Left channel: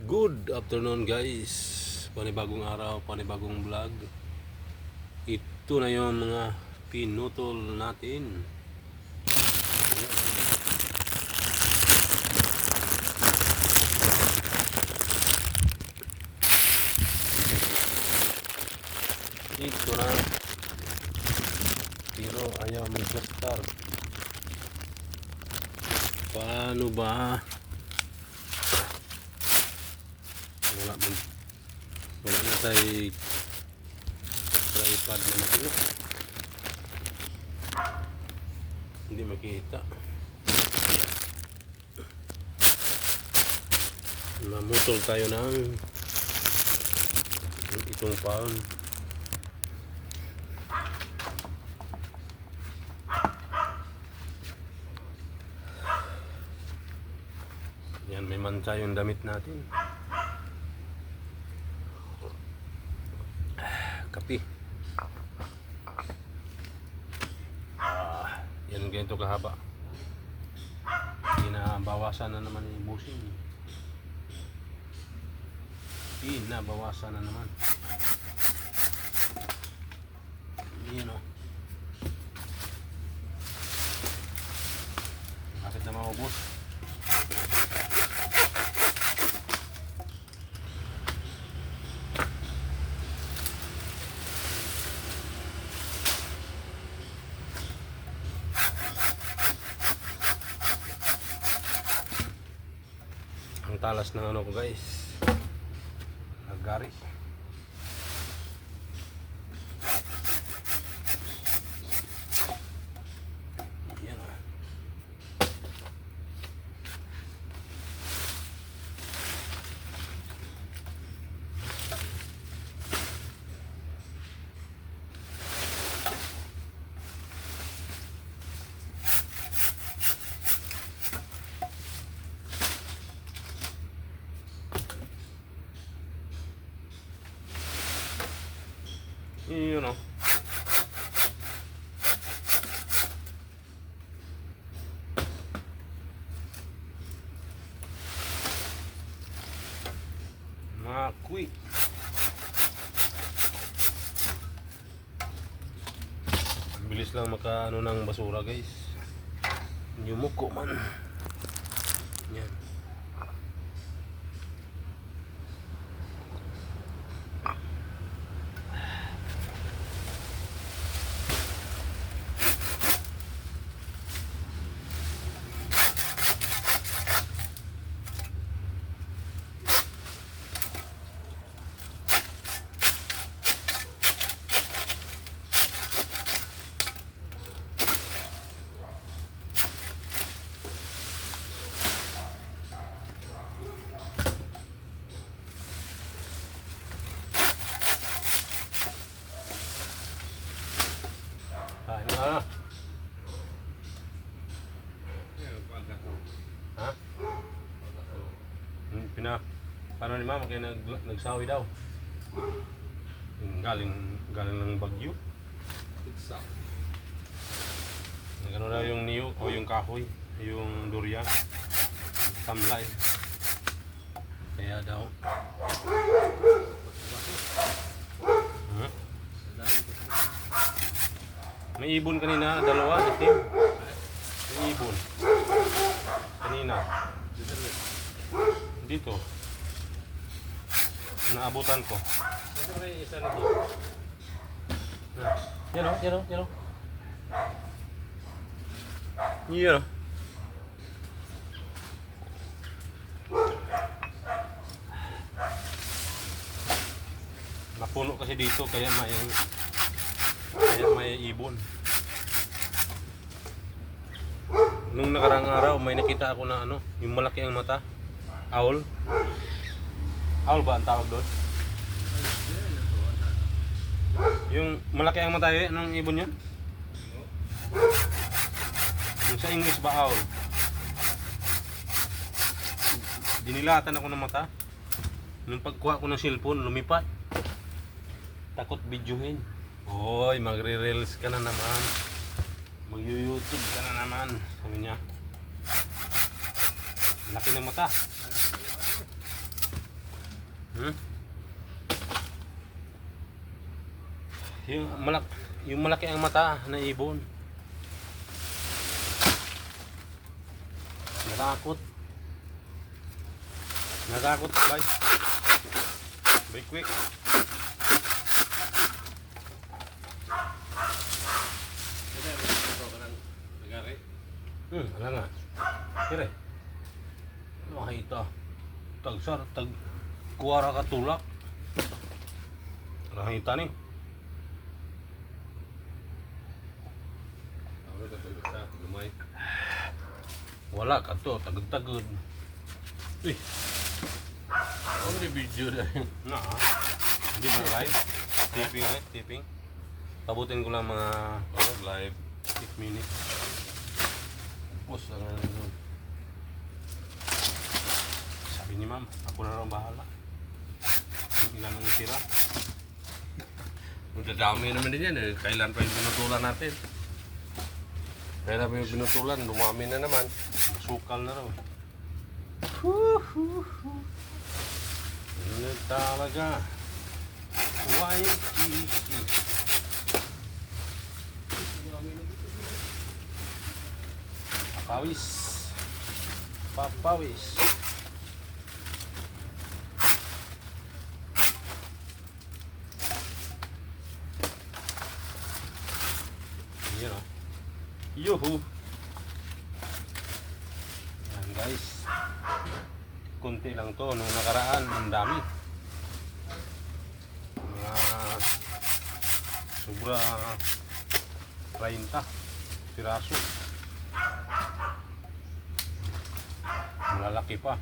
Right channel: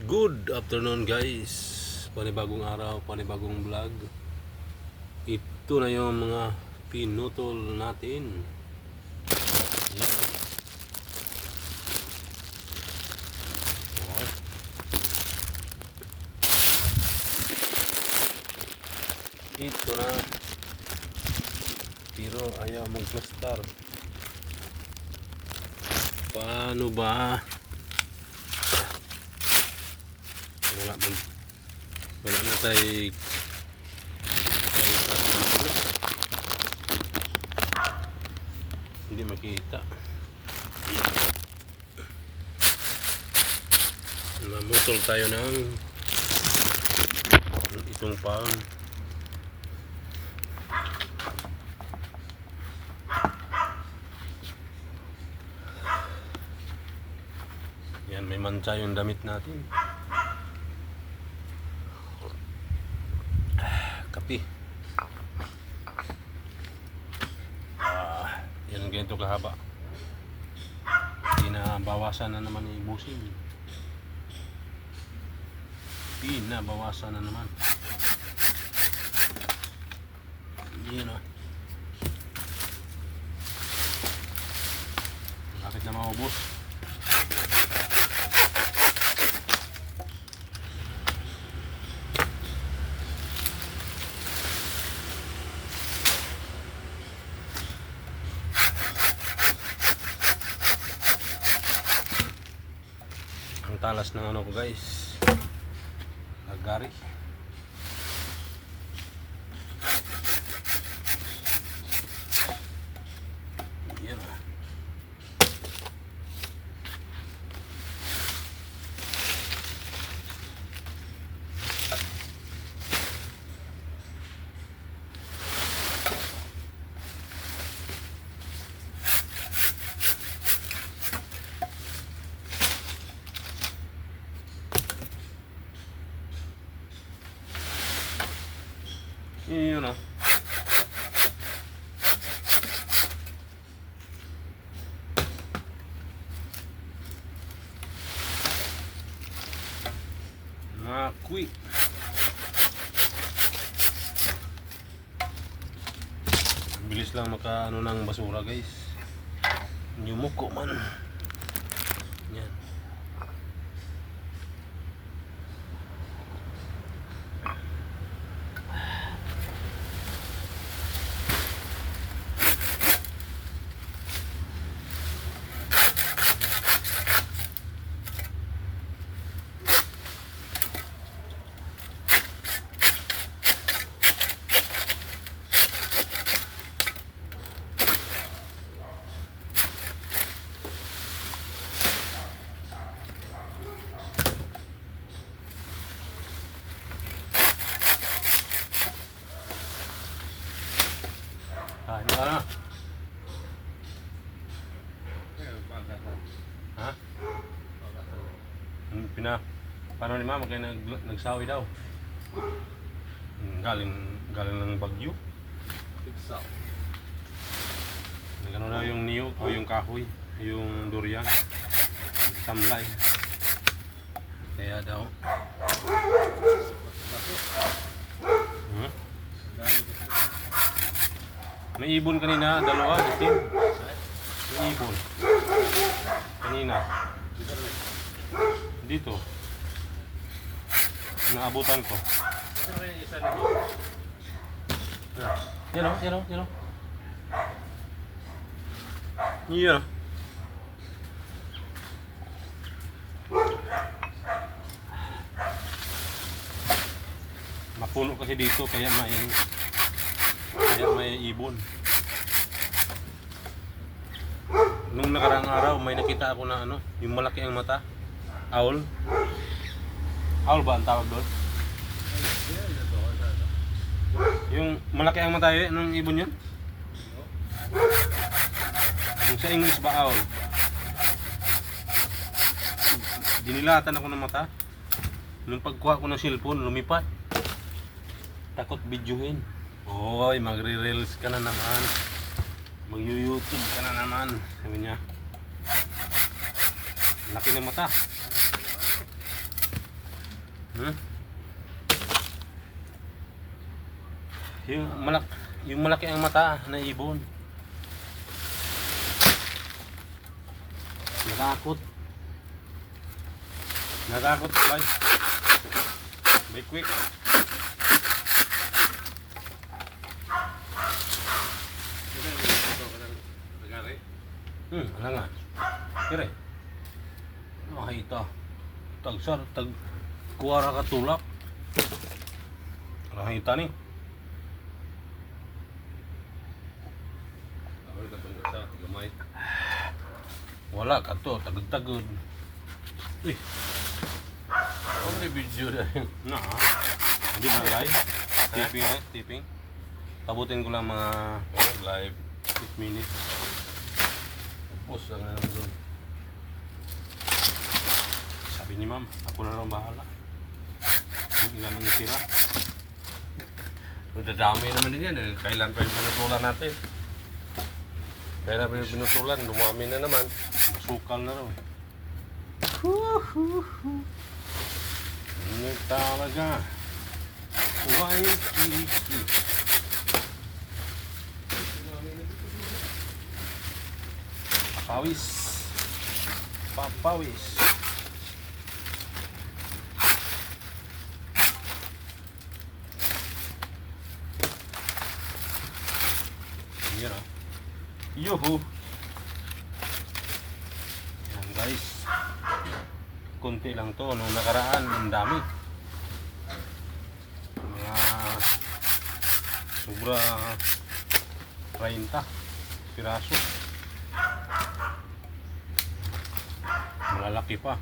Good afternoon guys. Panibagong araw, panibagong vlog. Ito na yung mga pinutol natin. Ayan. Ito na. Pero ayaw mag-plastar. Paano ba? Wala na tayo tripod ng pulo. Hindi makita. Namutol tayo ng itong palm. Yan, may mancha yung damit natin. Kapi. Yan ganito kahaba. Pinabawasan na naman yung busing. Pinabawasan na naman. Yan o. Bakit na maubos? Ang talas ng ano ko guys, agari. Yan ah. Yun o. Makwi. Bilis lang maka ano ng basura guys. Yumuko man. Yan. Ano na? Ha? Paano ni mama kaya nagsawi daw? Galing ng Bagyo. Nagano daw yung niyog o yung kahoy, yung durian, tamlay. Kaya daw. May ibon kanina, dalawa, itim. May ibon. Kanina. Dito. Naabutan ko. Yan o, yan o, yan o. Yan o. Mapuno kasi dito kaya may ibon. Nung nakarang araw may nakita ako na ano, yung malaki ang mata. Owl. Owl ba ang tawag doon? Yung malaki ang mata ng ibon yun? Yung sa English ba owl? Dinilatan ako ng mata. Nung pagkuha ko ng cellphone, lumipat. Takot videohin. Hoy, magre-reels ka na naman. Mag-YouTube ka na naman. Sabi niya. Laki ng mata. Hmm? Yung malaki ang mata na ibon. Natakot. Natakot, bye. Bye quick. Ala nga. Kire. Makita. Tagsar, kuwara ka tulak. Rahita ni. Wala ka to, tagod-tagod. Eh. Ano yung video dahil? Hindi na live. Tipping eh, tipping. Tabutin ko lang mga live 8 minutes. Tapos lang na lang doon. Sabi ni ma'am, ako na lang bahala. Yung ilan ang itira. Dadami naman din yan eh. Kailan pa yung pinutulan natin? Kailan pa yung pinutulan? Dumami na naman. Masukal na raw. Ano talaga? Waikiki. Papawis. Papawis. Yan ah. Yuhu. Yan guys. Kunti lang to. Nung nakaraan, ang dami. Mga sobra 30 piraso. Malalaki pa.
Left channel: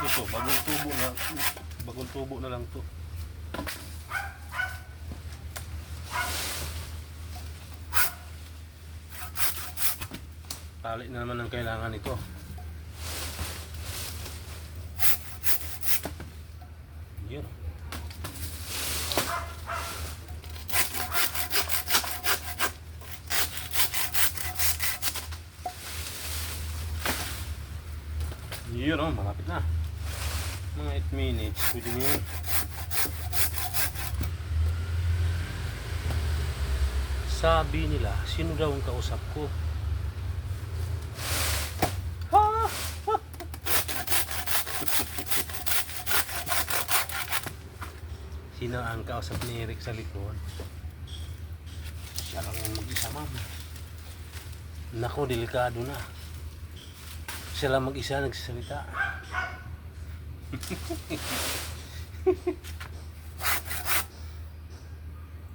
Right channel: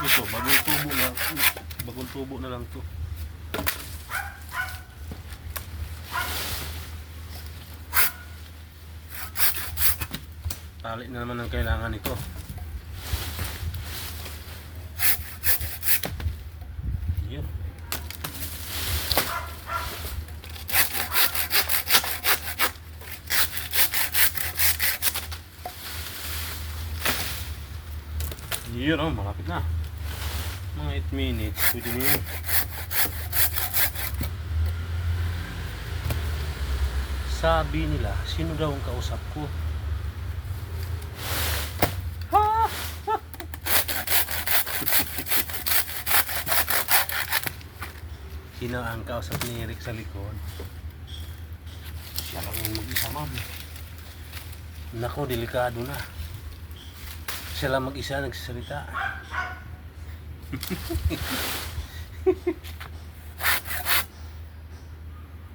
Ito, bagong tubo na lang to. Tali na naman ang kailangan ito. Yan. Yun o, malapit na. Mga 8 minutes, pwede na yun. Sabi nila, sino daw ang kausap ko? Sino ang kausap ni Eric sa likod? Siya lang yung mag-isa, ma'am. Nako, delikado na. Siya lang mag-isa nagsasalita.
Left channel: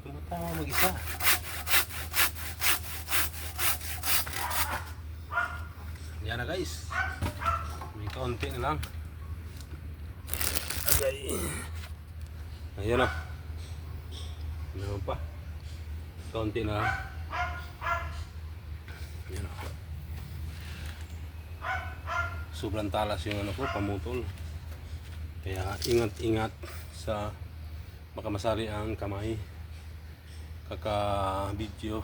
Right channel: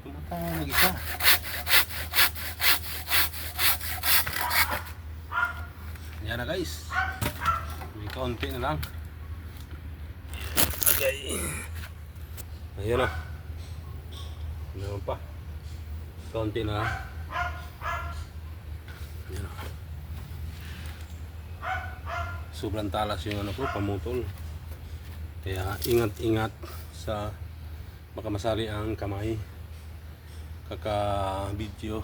Tumatawa mag-isa. Yan na guys. May kaunti na lang. Okay. Ayan o. Ayan pa. Kaunti na lang. Ayan o. Sobrang talas yung ano ko, pamutol. Kaya ingat-ingat sa baka masali ang kamay. Kaka-video.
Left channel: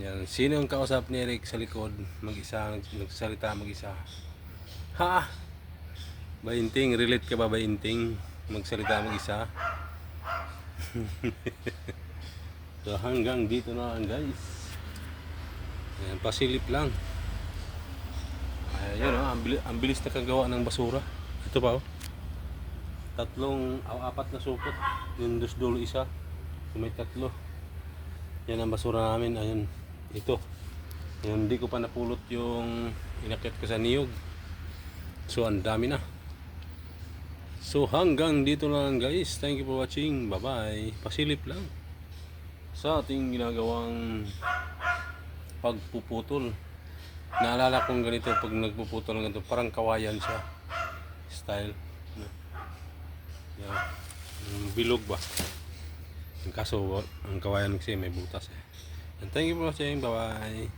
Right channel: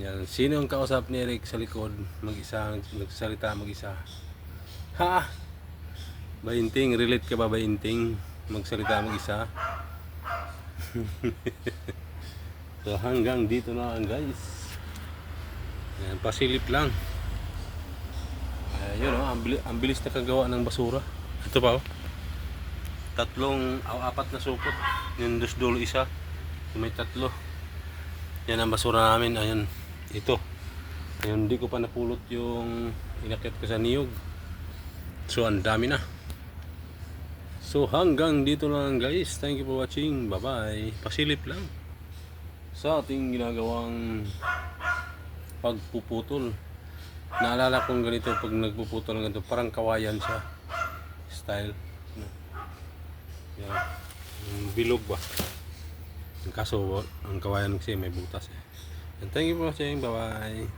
Yan. Sino ang kausap ni Eric sa likod? Mag-isa, nagsalita mag-isa. Ha! Bainting, relate ka ba Bainting? Magsalita mag-isa. So hanggang dito na lang guys. Ayan, pasilip lang. Ayun oh, ang bilis na kagawa ng basura. Ito pa oh. 4 na supot. Yung dulo isa. May 3. Yan ang basura namin. Ayun. Ito. Ayun, hindi ko pa napulot yung inakit ko sa niyog. So ang dami na. So hanggang dito lang guys. Thank you for watching. Bye bye. Pasilip lang sa ating ginagawang pagpuputol. Naalala kong ganito pag nagpuputol ng ganito, parang kawayan siya style, no? Yan. Bilog ba? Ang kaso ang kawayan kasi may butas eh. And thank you for watching. Bye bye.